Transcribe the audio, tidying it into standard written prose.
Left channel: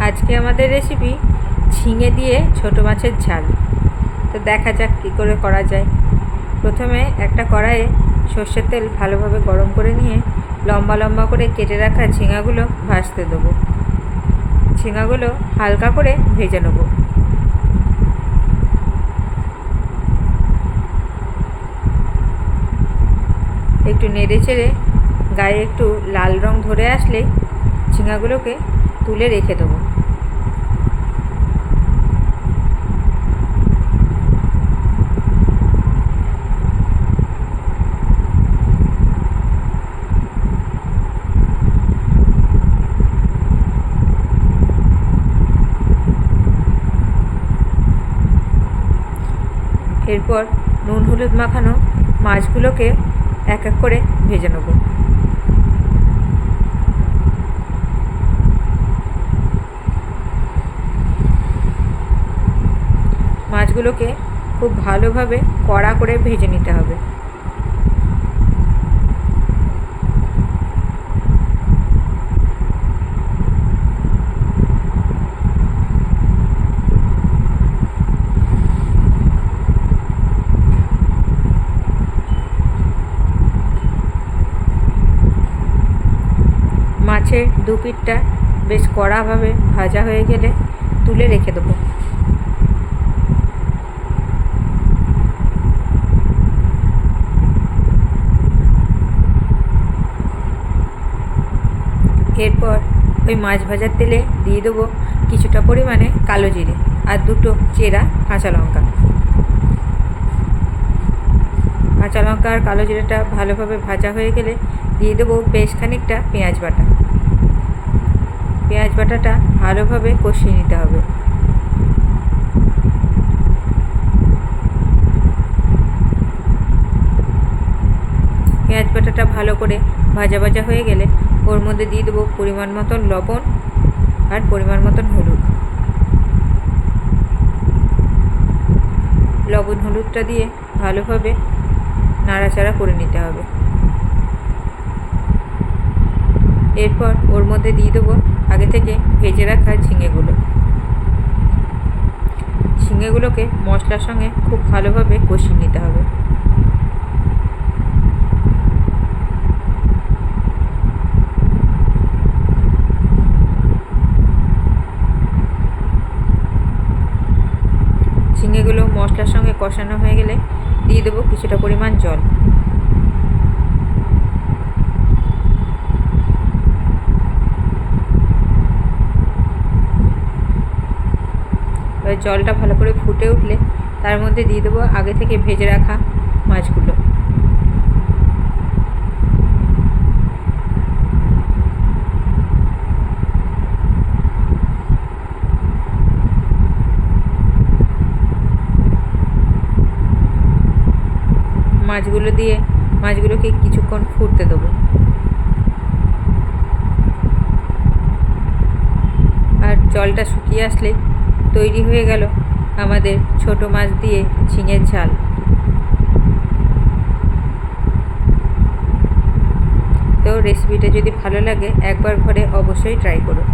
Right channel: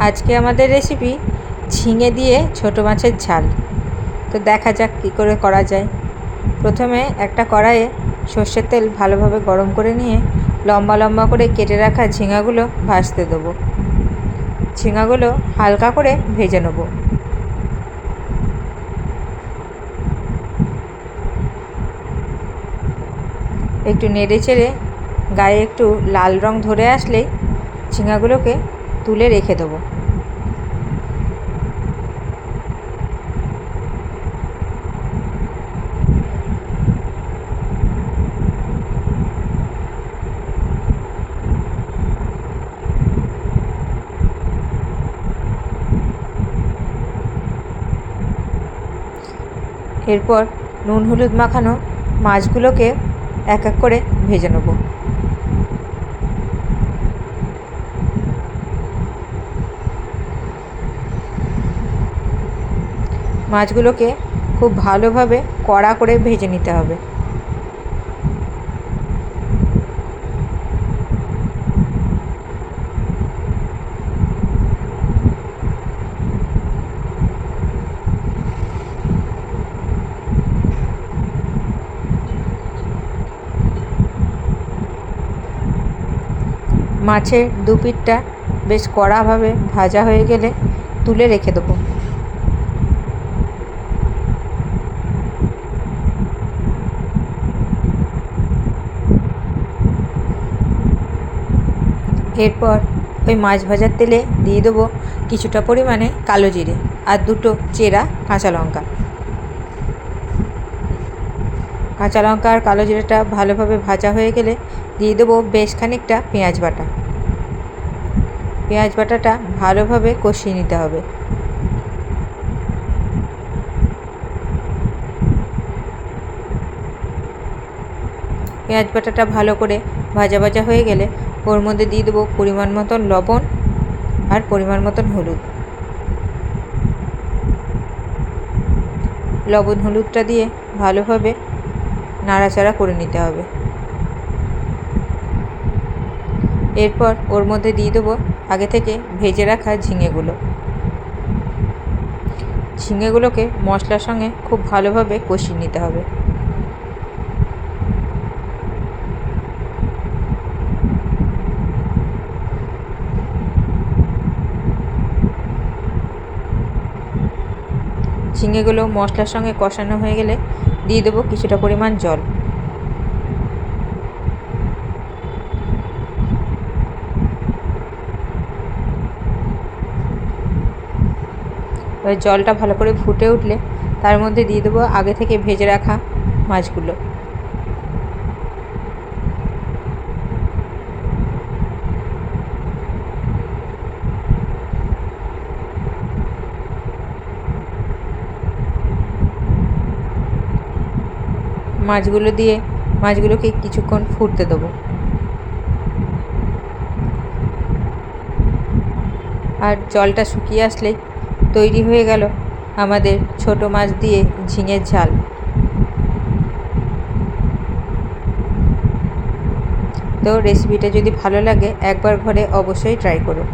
আজকে আমাদের রেসিপি ঝিঙে দিয়ে ছোট মাছের ঝাল। তো দেখা যাক কী করে করা যায়। প্রথমে একটা কড়াইয়ে সর্ষের তেল ভালোভাবে গরম করে নিয়ে লম্বা লম্বা করে কেটে রাখা ঝিঙাগুলো ভাজতে দেবো। ঝিঙাগুলো হালকা করে ভেজে নেব। একটু নেড়ে চেড়ে গায়ে একটু লাল রং ধরে আসলেই ঝিঙাগুলোকে তুলে রেখে দেবো। এরপর নুন হলুদ মাখানো মাছগুলোকে এক এক করে ভেজে নেব। মাছগুলোকে খুব ভালোভাবে কড়া করে ভেজে নিতে হবে। মাছের দু পিঠটা বেশ কড়াভাবে ভাজা হয়ে গেলে তুলে রেখে দেবো। এরপর ওই মাছ ভাজার তেলে দিয়ে দেবো কিছুটা পরিমাণে কালো জিরে আর দুটো চেরা কাঁচা লঙ্কা। কাঁচা লঙ্কা আর কালো জিরেটা ভালোভাবে ভাজা হয়ে গেলে দিয়ে দেবো বেশ খানিকটা পেঁয়াজ বাটা। পেঁয়াজ বাটাটা ভালোভাবে কষিয়ে নিতে হবে। পেঁয়াজ বাটাটা ভালো করে ভাজা ভাজা হয়ে গেলে ওর মধ্যে দিয়ে দেবো পরিমাণ মতন লবণ আর পরিমাণ মতন হলুদ। লবণ হলুদটা দিয়ে ভালোভাবে নাড়াচাড়া করে নিতে হবে। এরপর ওর মধ্যে দিয়ে দেবো আগে থেকে ভেজে রাখা ঝিঙেগুলোকে মশলার সঙ্গে খুব ভালোভাবে কষিয়ে নিতে হবে। ঝিঙেগুলো মশলার সঙ্গে কষানো হয়ে গেলে দিয়ে দেবো কিছুটা পরিমাণ জল। এবার জলটা ভালো করে ফুটে উঠলে তার মধ্যে দিয়ে দেবো আগে থেকে ভেজে রাখা মাছগুলো। মাছগুলো দিয়ে মাছগুলোকে কিছুক্ষণ ফুটতে দেবো। আর জলটা শুকিয়ে আসলেই তৈরি হয়ে গেল আমাদের ছোট মাছ দিয়ে ঝিঙের ঝাল। তো রেসিপিটা যদি ভালো লাগে একবার ঘরে অবশ্যই ট্রাই করো।